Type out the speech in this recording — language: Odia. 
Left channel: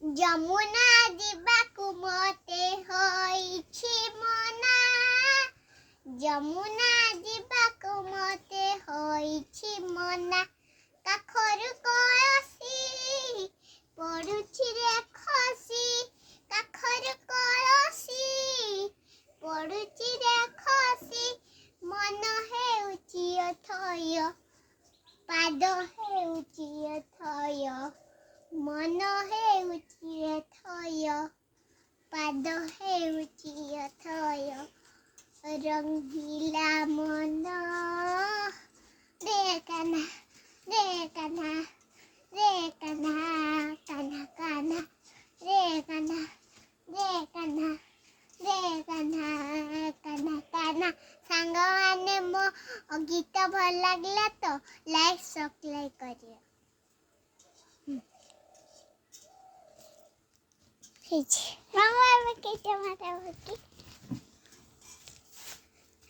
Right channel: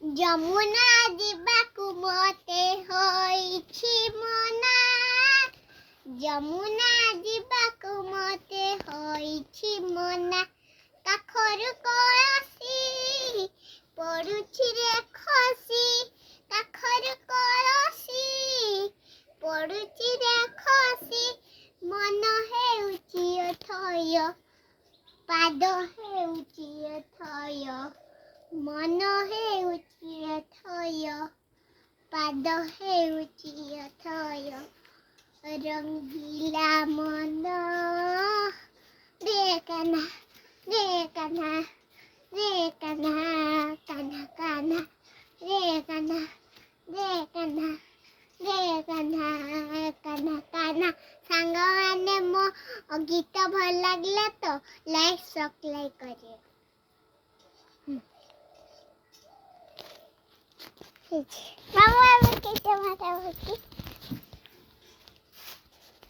ଯମୁନା ଯିବାକୁ ମୋତେ ହୋଇଛି ମନା ଯମୁନା ଯିବାକୁ ମୋତେ ହୋଇଛି ମନା କାଖରୁ କଳସି ପଡୁଛି ରେ ଖସି କାଖରୁ କଳସି ପଡୁଛି ରେ ଖସି ମନ ହେଉଛି ଅଥୟ ପାଦ ହେଉଛି ଅଥୟ ମନ ହେଉଛି ଅଥୟ ପାଦ ହେଉଛି ଅଥୟ ରଙ୍ଗିଲା ମନ ରେ କାହ୍ନା ରେ କାହ୍ନା ରେ କାହ୍ନା କାହ୍ନା କାହ୍ନା ରେ କାହ୍ନା ରେ କାହ୍ନା ରେ କାହ୍ନା କାହ୍ନା କାହ୍ନା ସାଙ୍ଗମାନେ ମୋ ଗୀତ ଭଲ ଲାଗିଲା ତ ଲାଇକ୍ ସବସ୍କ୍ରାଇବ୍ କରିବେ ମାମା ଏବେ କେତେ ମାତା